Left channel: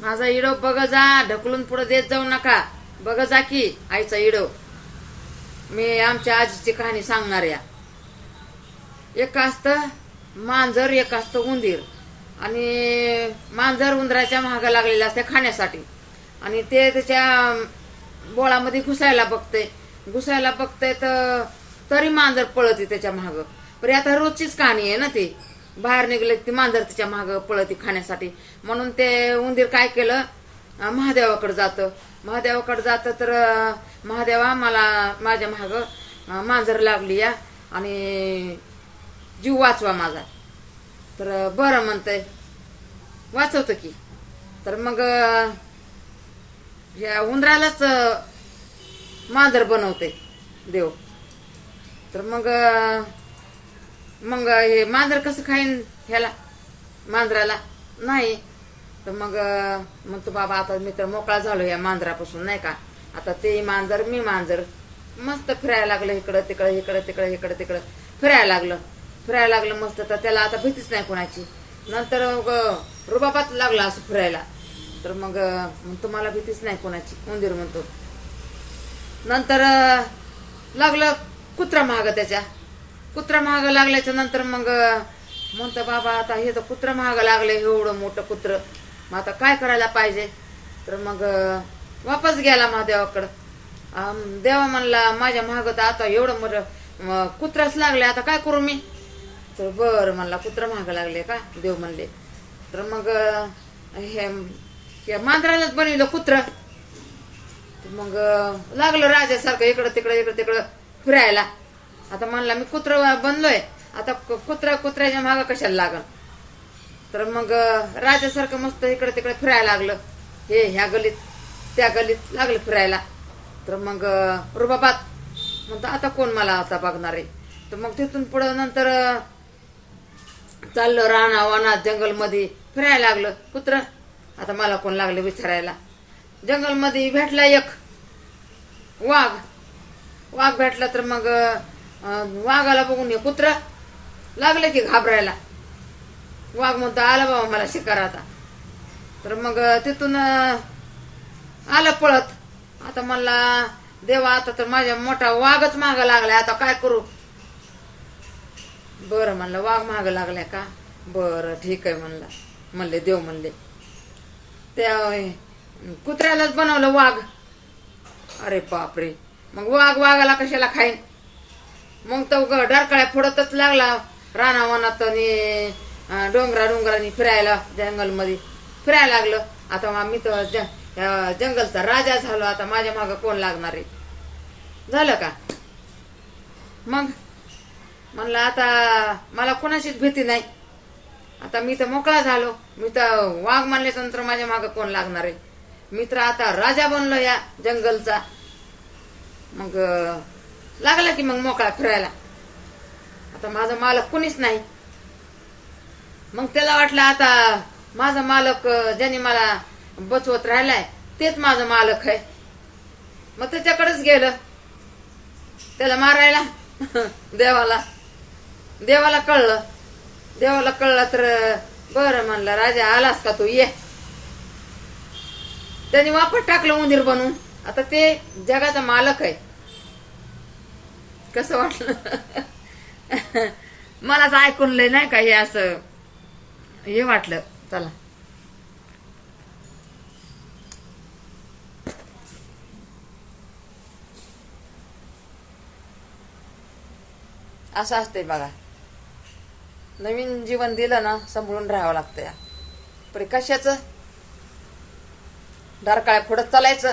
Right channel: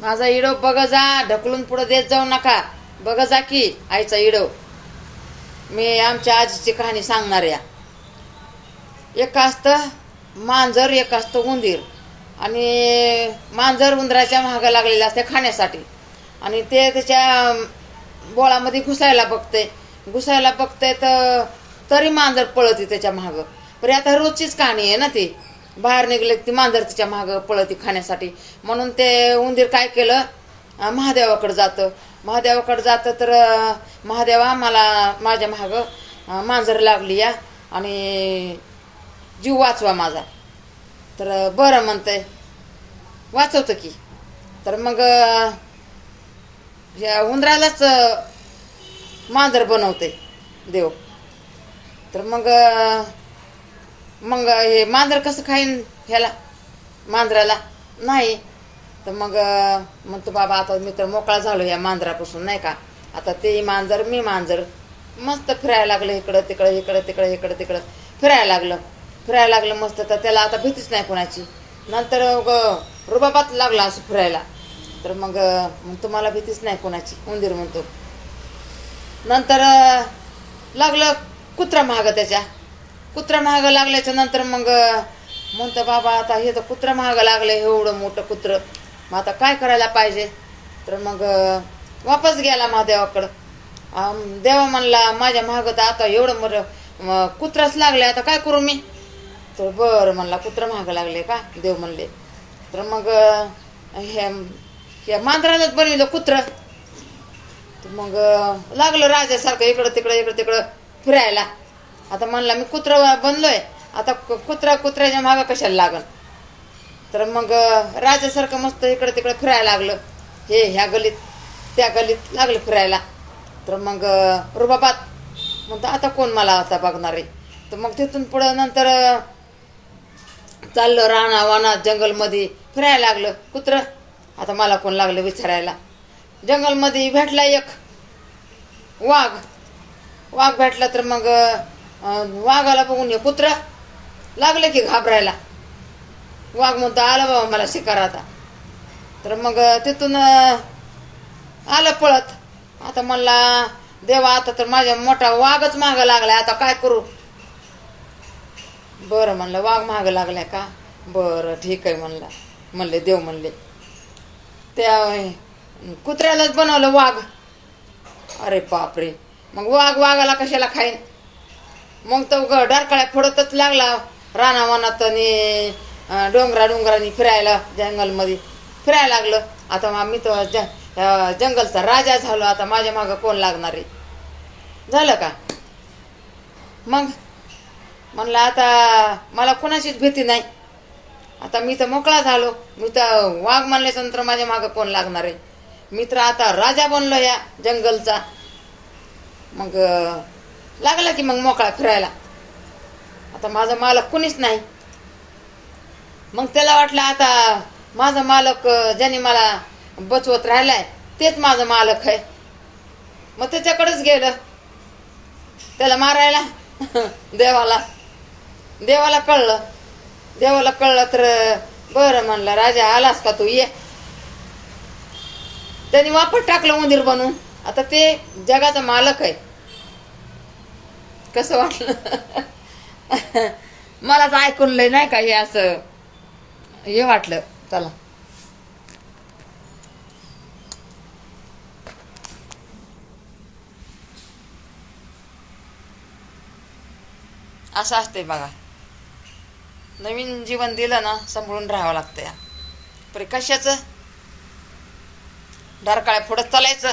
माझा इडो बघ जा, ढकलून पुढे देत जाऊ नका. बघ जा की आईचा इडो. मी आमच्या आजीची कहाणी सांगणार या. एक असतं मांजर, एक असतं उंदीर. आणि मांजर उंदराच्या महागा लागलेलं असते खाण्यासाठी. आणि ते त्याच्या बोळामध्ये घुसायला बघते तर तरी मांजर पळती त्याच्या मागं. पण आता रोजचीच कहाणी आहे ना ती. बाहेर निघले ती मांजर तिच्या मागं पळती खाण्यासाठी. म्हणून ते उंदीर काय केलं, महादेवाकडे जातं तर महादेवा मला माझ्या मागं मांजर लागली या आणि जीव वाचवा माझा. तर बरं म्हणतंय, वाचवतं की. तर मग या उंदरालाच मांजर बनवते देव. तर मग हे मांजर कसं खाईन ह्याला मांजराला नाही. तर मग म्हणतो बाबा आता मी तर मोकळा झालो या मांजरापासून नाही का. आता ते मांजर मी मांजर मस्त फिरायला लागलं, इकडं तिकडं फिरायला लागलं मस्त. तर त्याला आता भीतीच नाही कोणाची. नंतर रुबाबात लागला असं फिरायला. तर मग म्हणतो मला भीतीच नाही कोणाची, उंदीर म्हणतो. नंतर लागलं कुत्रा महाग लागल्याच्या नंतर मग म्हणतो बाबा आता हे तर कुत्रा महाग लागलं, एवढं मोठं कुत्रं, मग आता काय करायला पाहिजे. तर मग वापस गेला महादेवाकडं. देवा म्हणला माझ्या महाग तर आता एवढं कुत्राच लागले, आता काय करू मी. तर बरं म्हणला कुत्रं महाग लागले का, देव म्हणले. तर मग हे मांजरालाच बनविलं कुत्रं. तर मग लागलं राजासारखं इकडं तिकडं फिरायला. आता म्हणला मी कुत्रं बनलोय, आता कुत्र्याच्या मागं कशाला लागल. तर मग राजासारखं मस्त इकडं तिकडं फिरायला लागलं. ह्या गलीत त्या गलीत लागलं फिरायला. तर मग रुबाबात म्हणतो आता कोण मला आता बघणार आहे. तर मग तिथून पुढं नंतर चाललं रानावानात जंगलमध्ये फिरायला लागलं कुत्रं. आता मला कोण लागलं विचारायला. जंगलमध्ये भेटला एक वाघ भेटला. तर मग वाघाला बघून हे कुत्रं लागलं की घाबरायला. वाघ म्हणतो आला बाबा मला शिकार आता. तर मग तिथून आलं पळत. आता म्हणला देवा आता तर माझ्या मोठा वाघच मागं लागलाय, आता काय करू. बरं म्हणलं वाघ मागं लागलाय का, बरं ठीक आहे म्हणले देव म्हणले. त्या कुत्र्यालाच बनवलं वाघ. अरे बापरे. मग वाघाला कशाला खाईन. मग तो डरकाळ्या फोडतच लागला रानावनात आणि डोंगरांनी फिरायला, जंगलमध्ये फिरायला लागलं. आता मी तो जंगलचा राजा झालो, आता माझ्या मागं कोण लागणार आहे. झालं का. मग म्हणलं आता मला कोणाचीच भीती नाही, आता मी तर मोकळा झालो. मी तर वाघ म्हणल्याच्या नंतर माझ्या मागं कोण लागणार आहे. मी तर आता राजा बनलो या जंगलचा. मग लागला की मग मोकळा फिरायला. आता माझा मालक कुणीच नाही. मग त्याला वाटलं आता माझा मालक ज्याने मला बचवत राहिलाय तेच माझा मालक आहे. मग त्याच्याकडेच गेलं त्याला मारायला. देवाला कळलं तर बरं म्हणलं राजा आलास का तू ये. त्यांनी वापस टाकलं उंदीर बनवून. आता ते जगाचा मालक आहे. कसं वाटलं. मला तर ऐकून लय नाही का हे असं हे वाटलं. चला असं असते बघा. नवीन जीवन दिलं ना सांभाळून राहावं लागतं या. पण कशाचं डरकाळ्या फोडत चालायचं.